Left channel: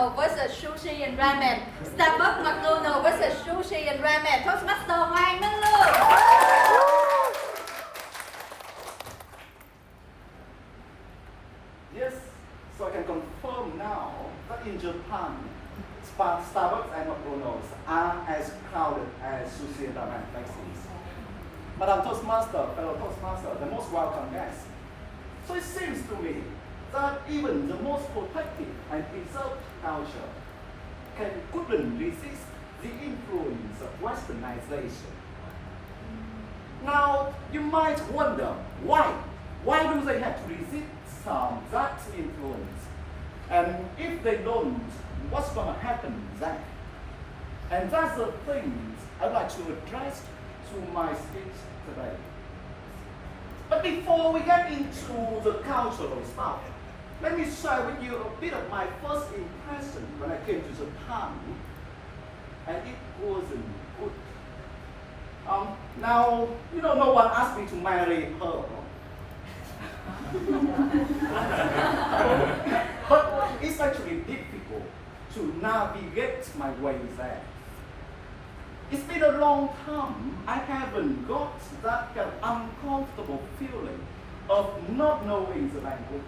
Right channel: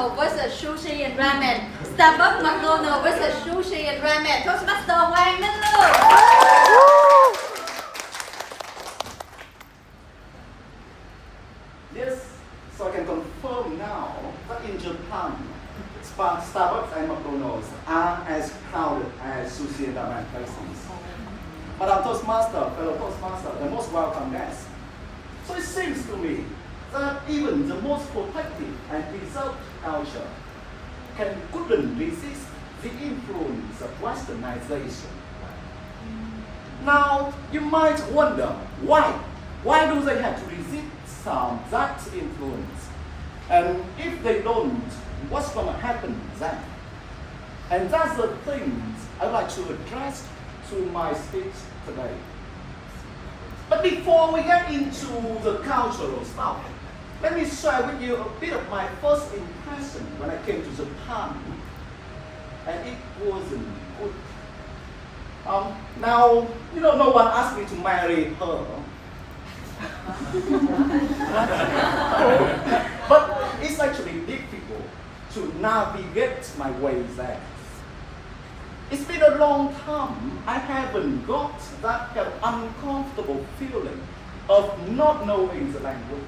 McDonald versus sushi and ramen Starbucks McDonald versus sushi and ramen Toastmaster Hoàng Minh Lượng. Yes, so I can confirm now that in Japan, Starbucks and McDonald's are as crowded as sushi and ramen places. But our fellow Toastmaster, the most welcome guest. So it seems to me that even the most protective and preserved culture couldn't resist the influence of westernization. Now, you might wonder why? Why do they have to resist that influence? And if they don't, what's going to happen then? And that's the things I'd like to address through my speech today. But before we get into the cultural stuff, let me share with you a bit of my first impression when I came to Japan, and it wasn't good. Now, no one asked me to marry her. But it's actually difficult to navigate my way there. It's been a long time I haven't got that kind of uncomfortable feeling of not knowing the language.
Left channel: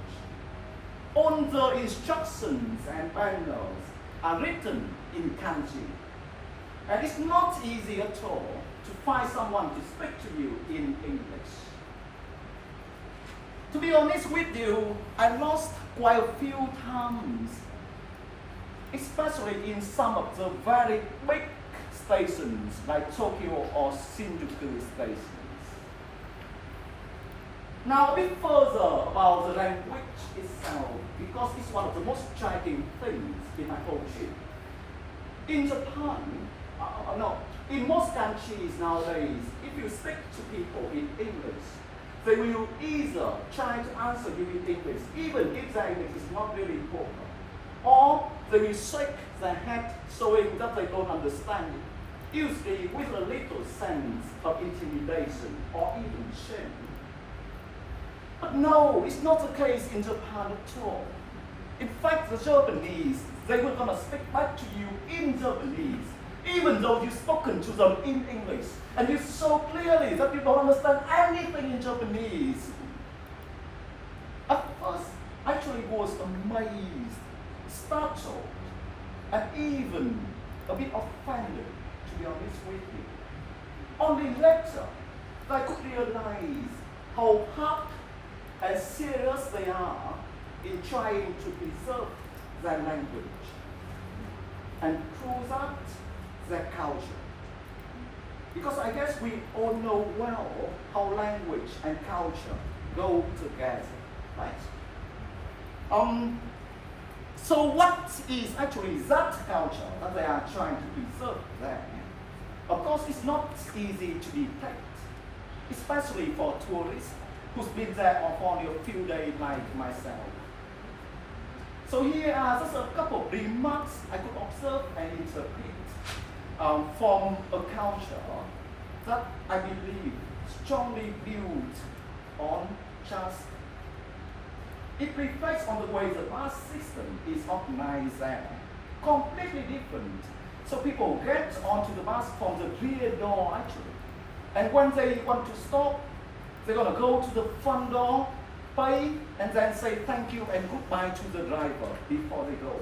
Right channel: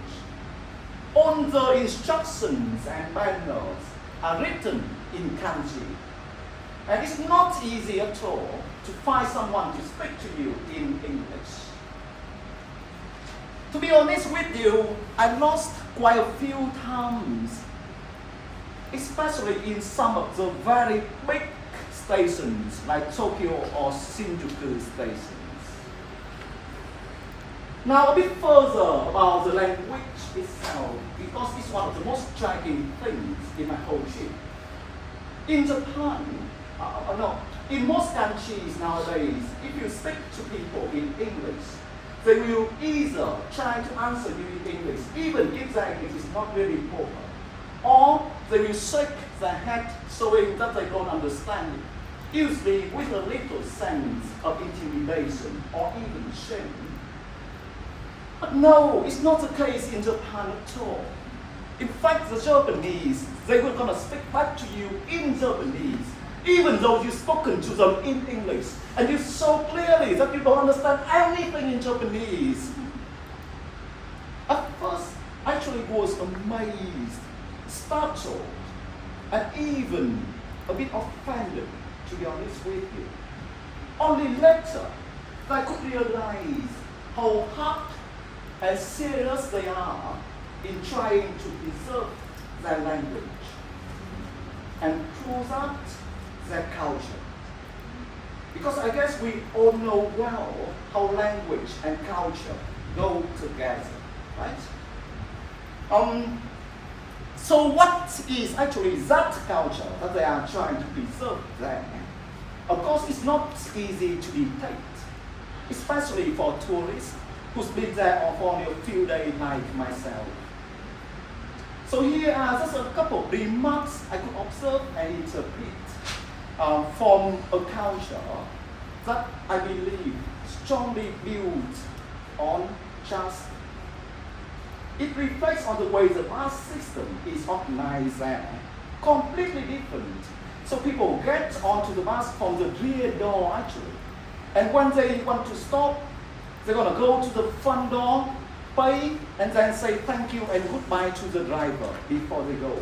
All the instructions and manuals are written in kanji. And it's not easy at all to find someone to speak to you in English. To be honest with you, I lost quite a few times, especially in some of the very big stations like Tokyo or Shinjuku stations. Now a bit further about the language itself, because it's one of the most striking things in my whole trip. In Japan, in most countries nowadays, if you speak to people in English, they will either try to answer you in English, even if their English is not really proper, or they will shake their head showing that they don't understand it, usually with a little sense of intimidation or even shame. But no, it's not the case in Japan at all. In fact, the Japanese, they were going to speak back to you in Japanese, even though you've spoken to them in English, and you so clearly that you don't understand anything in Japanese. At first, I actually was amazed, startled, and even a bit offended, to be honest with you. Only later, I could realize how hard and serious they are in trying to preserve their language and preserve their culture. Because I guess we all know well how language and culture go together, right? So what is actually that culture that they are trying to preserve there? Of course, it's not easy to detect, especially for tourists who's been there for only a few days like myself. So here are just a couple of remarks I could observe and interpret from a culture that I believe strongly built on trust. It reflects on the way the bus system is organized there, completely different. So people get onto the bus from the rear door actually, and when they want to stop, they're going to go to the front door, pay, and then say thank you and goodbye to the driver before they go.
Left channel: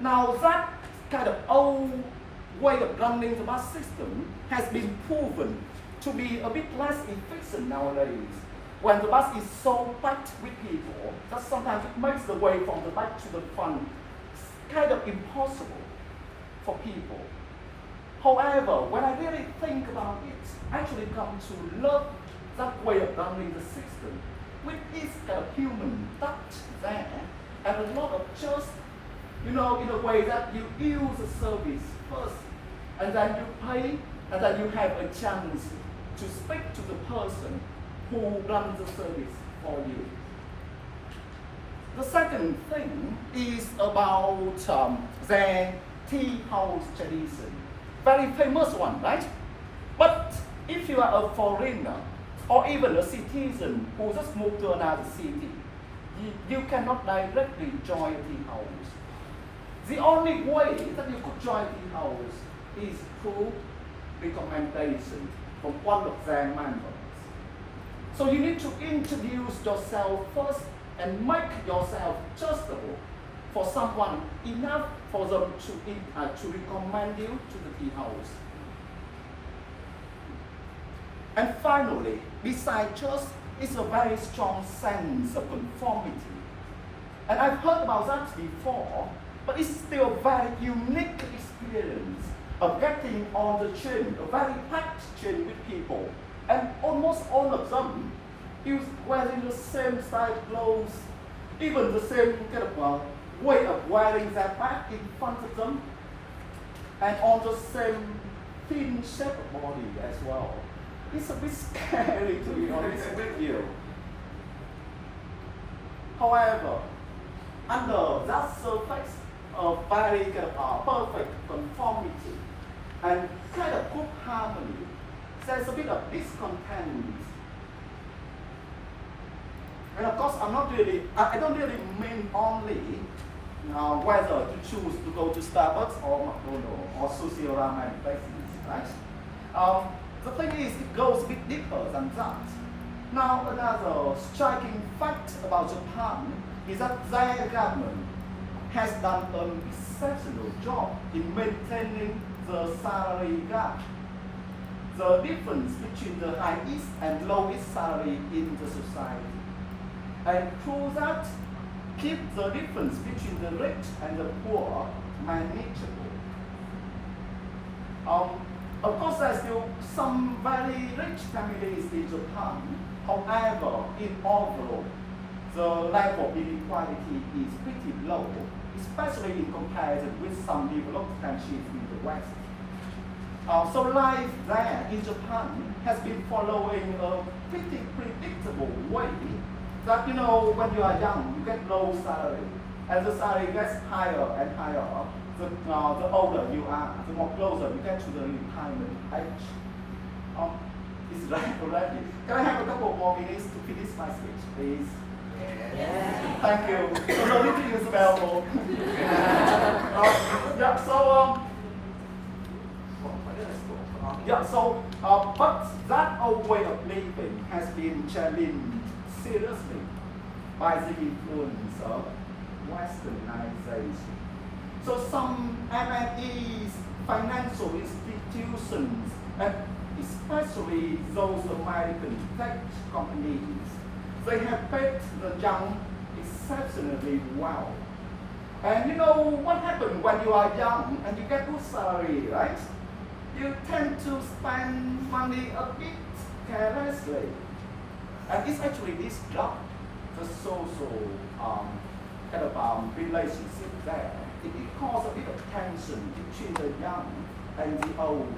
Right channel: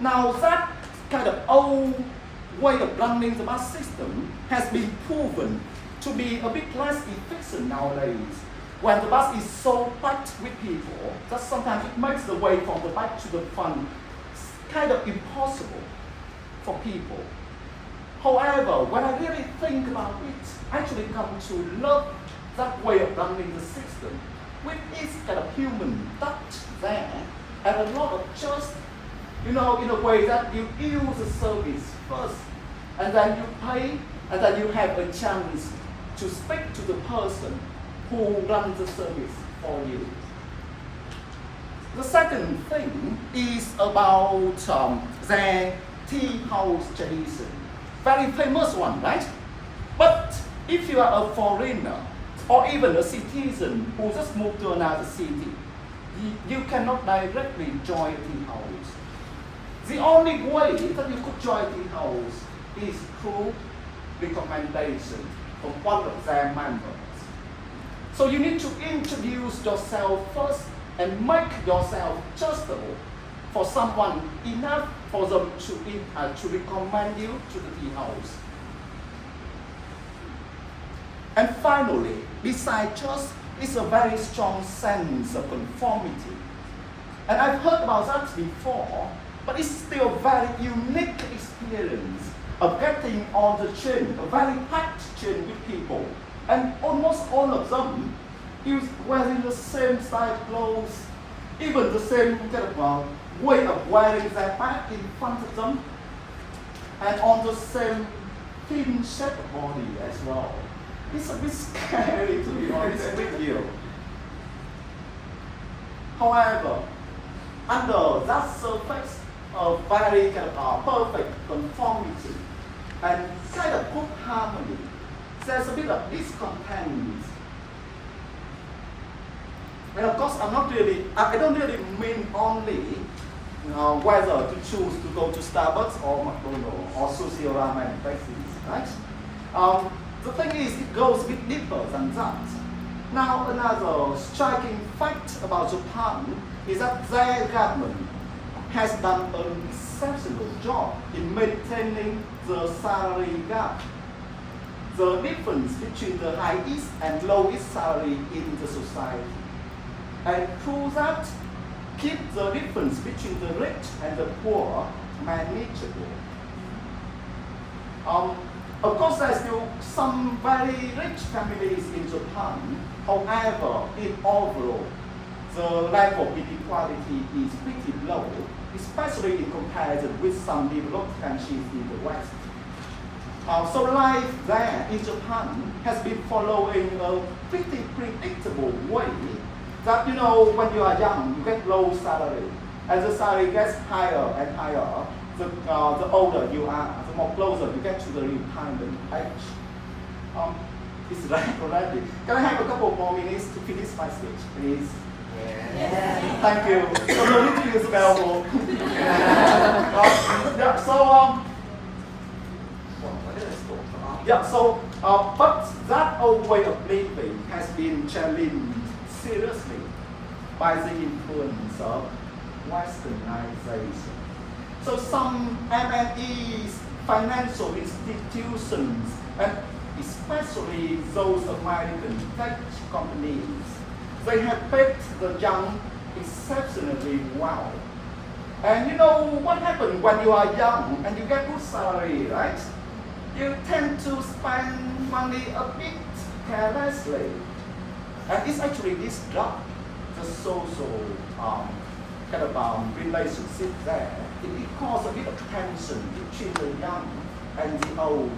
Now that kind of old way of running the bus system has been proven to be a bit less efficient nowadays. When the bus is so packed with people that sometimes it makes the way from the back to the front kind of impossible for people. However, when I really think about it, I actually come to love that way of running the system, with its kind of human touch there, and a lot of trust, in a way that you use the service first, and then you pay, and then you have a chance to speak to the person who runs the service for you. The second thing is about their tea house tradition. Very famous one, right? But if you are a foreigner, or even a citizen who just moved to another city, you cannot directly join tea house. only way that you could join tea house is through recommendation from one of their members. So you need to introduce yourself first and make yourself trustable for someone enough for them to recommend you to the tea house. And finally, besides trust, is a very strong sense of conformity. And I've heard about that before, but it's still a very unique experience of getting on the train, a very packed train with people. And almost all of them is wearing the same style of clothes, even the same kind of way of wearing their bag in front of them, and on the same thin shape of body as well. It's a bit scary, to be honest with you. However, under that surface of very kind of perfect conformity and kind of good harmony, there's a bit of discontent. And of course, I don't really mean only whether to choose to go to Starbucks or McDonald's or sushi or ramen places, right? The thing is, it goes a bit deeper than that. Now, another striking fact about Japan is that their government has done an exceptional job in maintaining the salary gap, the difference between the highest and lowest salary in the society. And through that, keep the difference between the rich and the poor manageable. Of course, there's still some very rich families in Japan. However, in overall, the level of inequality is pretty low, especially in comparison with some developed countries in the West. So life there in Japan has been following a pretty predictable way that, you know, when you are young, you get low salary. As the salary gets higher and higher, the older you are, the more closer you get to the retirement age. It's right already. Can I have a couple more minutes to finish my speech, please? Yes. Thank you. So no need to use bell. But that old way of living has been challenged seriously by the influence of Westernization. So some MNEs, financial institutions, and especially those American tech companies, they have paid the young exceptionally well. And you know what happens when you are young and you get good salary, right? You tend to spend money a bit carelessly. And it's actually this job, the social kind of relationship there. It causes a bit of tension between the young and the old.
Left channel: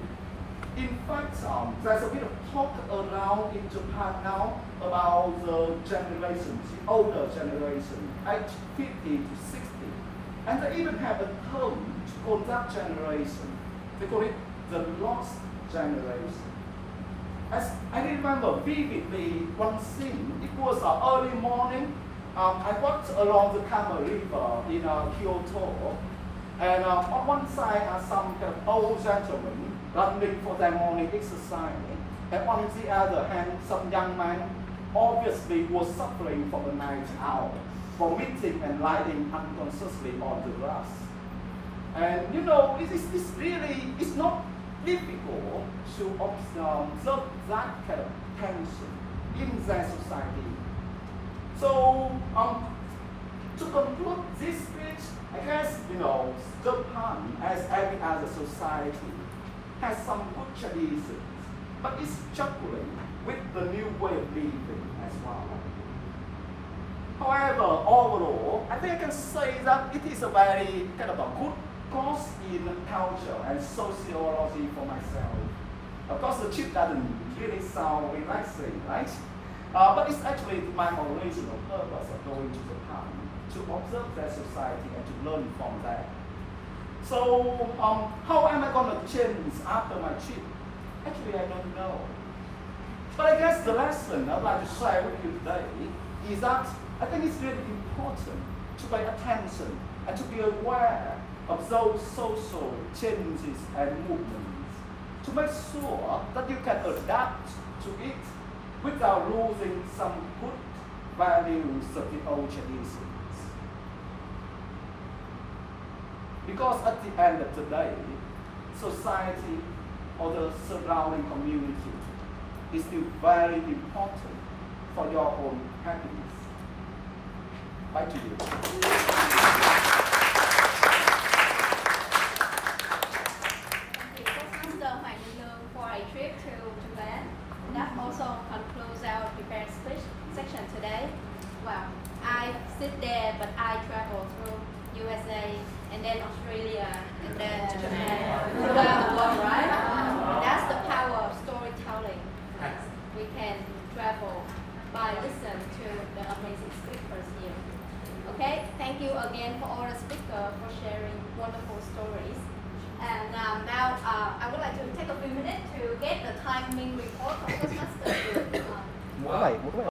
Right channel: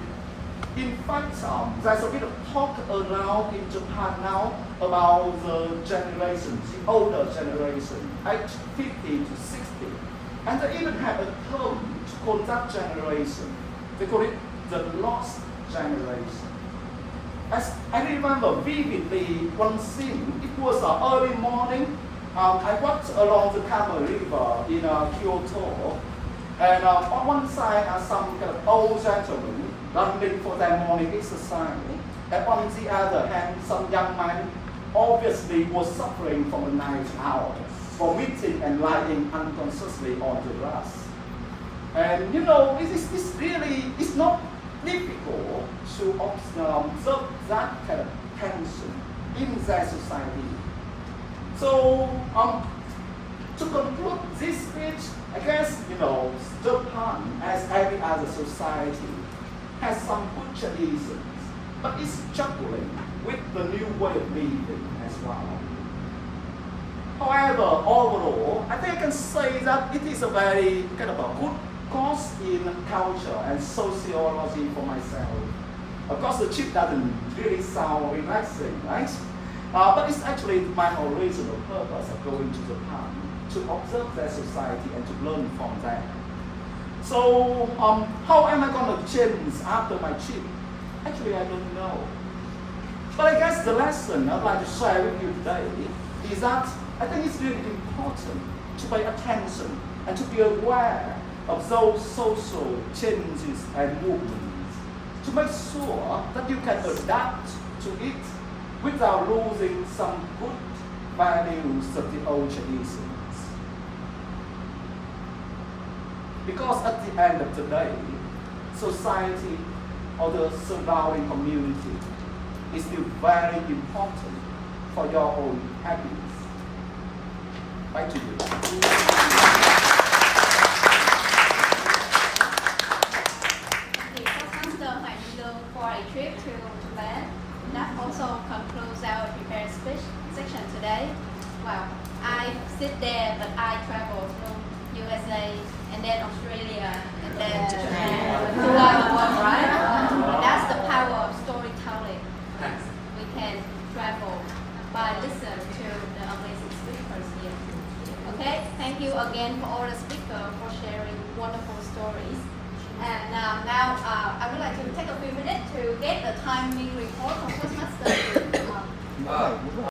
In fact, there's a bit of talk around in Japan now about the generations, the older generation, aged 50 to 60. And they even have a term to call that generation. They call it the lost generation. As I remember vividly one scene, it was early morning. I walked along the Kamo River in Kyoto, and on one side are some kind of old gentlemen running for their morning exercise, and on the other hand, some young man obviously was suffering from the night hours, vomiting and lying unconsciously on the grass. And you know, it's not difficult to observe that kind of tension in their society. So, to conclude this speech, I guess, you know, Japan, as every other society, has some good traditions, but it's struggling with the new way of living as well. However, overall, I think I can say that it is a very kind of a good course in culture and sociology for myself. Of course, the trip doesn't really sound relaxing, right? But it's actually my original purpose of going to Japan, to observe their society and to learn from them. So, how am I going to change after my trip? Actually, I don't know. But I guess the lesson I'd like to share with you today is that I think it's really important to pay attention and to be aware of those social changes and movements to make sure that you can adapt to it without losing some good values of the old traditions. Because at the end of the day, society or the surrounding community is still very important for your own happiness. Back to you. Thank you, Postmaster Hoàng Minh Lương, for a trip to Japan. That also concludes our prepared speech section today. Well, I sit there, but I travel through USA and then Australia and then Japan, throughout the world, right? And that's the power of storytelling. We can travel by listening to the amazing speakers here. Okay, thank you again for all the speakers for sharing.